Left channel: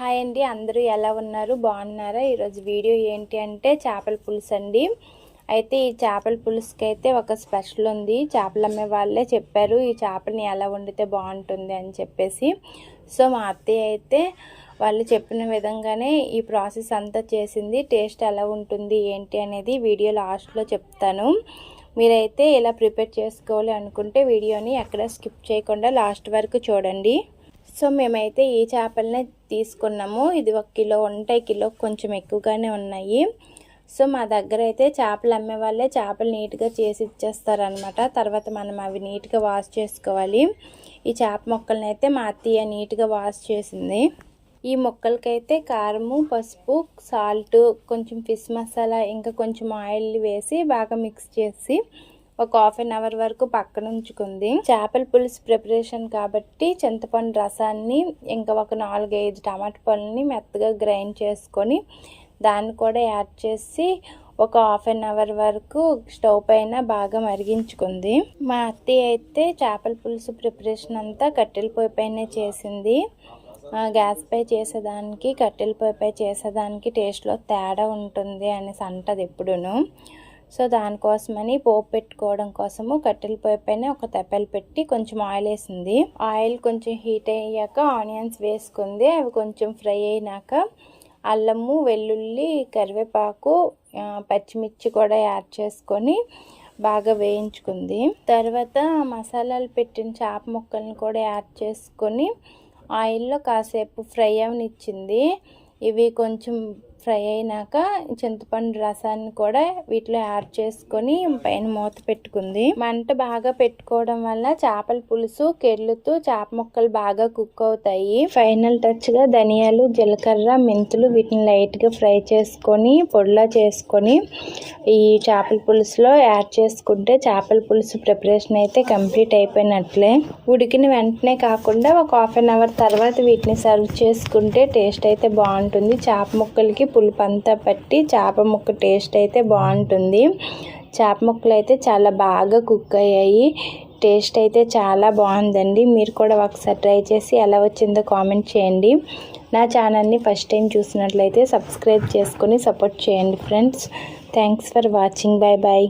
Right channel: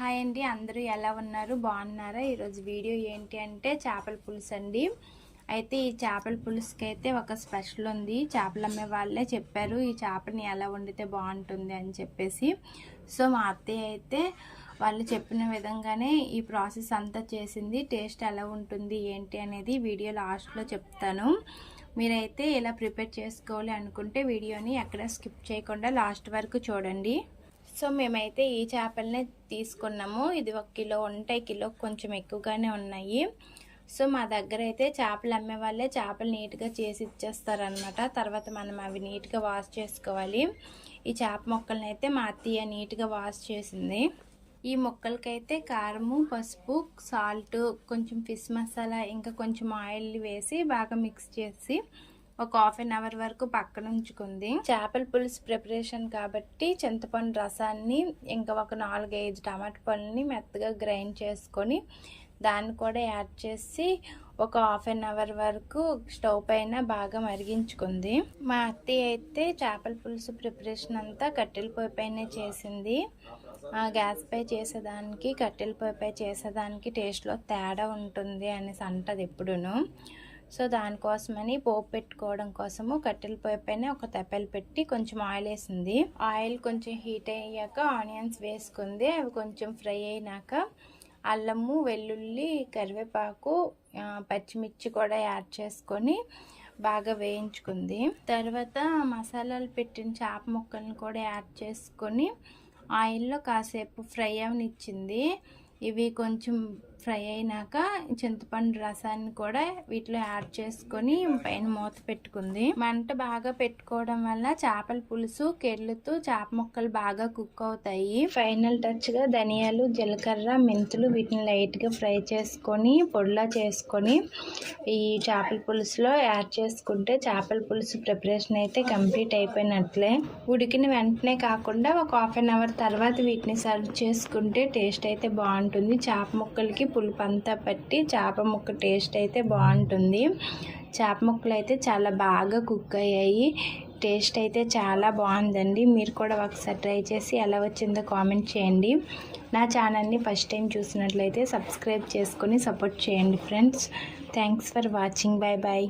Hi అండి అందరూ ఎలా ఉన్నారు? బాగున్నారా? ఈరోజు వీడియో ఏంటి అంటే చేపల పులుసు అండి. అయితే ఈ చేపల పులుసుకి అయితే ఒక స్పెషల్ ఉంది. చేపలు అమ్మే వాళ్ళే చెప్పారు ఈ చేపలని ఎలా వండితే బాగుంటుంది అని చెప్పేసి. సో మా అత్తయ్య అయితే వాళ్ళు చెప్పిన విధంగానే ఈ ప్రాసెస్ అంతా చేసింది. టేస్ట్ ఎలా ఉంటుంది ఏంటి అనేది వీడియో లాస్ట్లో చెప్తాను. మీరైతే ఇలా ప్రిపేర్ చేసుకోవాలి అనుకుంటే వీడియోని ఎక్కడ స్కిప్ చేయకుండా లాస్ట్ వరకు చూడండి. సో మేమైతే ఈ చేపలనే తీసుకున్నాము. ఇది ఒక కిలో ఉంటాయి కిలో కొంచెం ఎక్కువగానే ఉన్నాయి. సో మా దగ్గర అయితే చేపలు అమ్మే వాళ్ళే చేపలు నీట్గా చేసి ఇచ్చేస్తారనమాట తర్వాత మనం అవి నీట్గా వాష్ చేసుకోవాలి. ఈ చేప మొక్కలను అయితే మా అత్తయ్య నీట్గా వాష్ చేసింది. ఈ మొక్కలకైతే కారము పసుపు సాల్ట్ కొంచెం ఫిష్ మసాలా ఇంకా కొంచెం ఆయిల్ వేసి బాగా మిక్స్ చేసి ఒక హాఫ్ అన్ అవర్ వరకు పక్కన ఉంచుకుంది చేపల పులుసు ప్రిపరేషన్ కాబట్టి చింతపండు రసాన్ని ఇంకా ఒక నాలుగైదు టమాటా పళ్ళని మెత్తగా గ్రైండ్ చేసుకొని దాన్ని కూడా యాడ్ చేసి ఒక హాఫ్ అన్ అవర్ వరకు స్టవ్ పైన బాగా మరిగించుకుంది. మా అత్తయ్య అయితే చేపల పులుసు ప్రిపరేషన్ అంతా కట్టెల పొయ్యి పైనే చేసింది. గ్యాస్ పై చేసేదానికి కట్టెల పొయ్యి పై చేసేదానికి టేస్ట్లో తేడా ఉంటుంది అనేసి అంటది ఎప్పుడును. సో దానికోసమని పోపు పెట్టుకోవడం కోసము కట్టెల పొయ్యి పైన ఒక తెప్పలు పెట్టి కొంచెం ఆయిల్ వేసింది. ఆయిల్ కొంచెం హీట్ అయ్యాక ఆనియన్స్ వేసుకుంది. అవి కొంచెం ఫ్రై అయినాక అల్లము వెల్లుల్లి కరివేపాకు పచ్చిమిర్చి కూడా యాడ్ చేసుకొని బాగా వేయించుకుంది. తర్వాత మసాలాలు పెట్టిన చేప ముక్కలను కూడా యాడ్ చేసుకొని ఆయిల్లో కాసేపు ఫ్రై అవనిచ్చింది. ఇవి కొంచెం ఫ్రై అయినాక చింతపండు రసాన్ని కూడా వీటిలో యాడ్ చేసుకొని పైన మూత పెట్టుకుంది. మంట బాగా పెట్టుకోవడం వల్ల చేపల పులుసు కెర్లుతూ చేప ముక్కలు బాగా కుక్ అవుతాయి. ఫైనల్ టచ్గా ధనియాలు జీలకర్ర మెంతులు వీటిని లైట్గా ఫ్రై చేసుకొని పొడిలా చేసుకొని ఈ చేపల పులుసులో యాడ్ చేసుకుంటే చేపల పులుసు ప్రిపరేషన్ అయితే కంప్లీట్ అయిపోయినట్లే. ఉడికిన వెంటనే కాకుండా ఒక హాఫ్ అన్ అవర్ తర్వాత వీటిని సర్వ్ చేసుకుంటే టేస్ట్ అయితే బాగుంటుంది. చేప ముక్కలకి పులుపు అంతా పట్టి చేప ముక్క టేస్ట్ అయితే బాగుంటుంది. చేప ముక్కలు అయితే చాలా బాగా కుక్ అయ్యాయి. టేస్ట్ అయితే చాలా బాగుందండి. మీరు కూడా ఒకసారి ట్రై చేసి ఎలా వచ్చిందో కామెంట్ చేయండి. నా ఛానల్ని ఫస్ట్ టైం చూసినట్లయితే సబ్స్క్రైబ్ చేసుకొని సపోర్ట్ చేయండి friends. Thanks for watching. Bye bye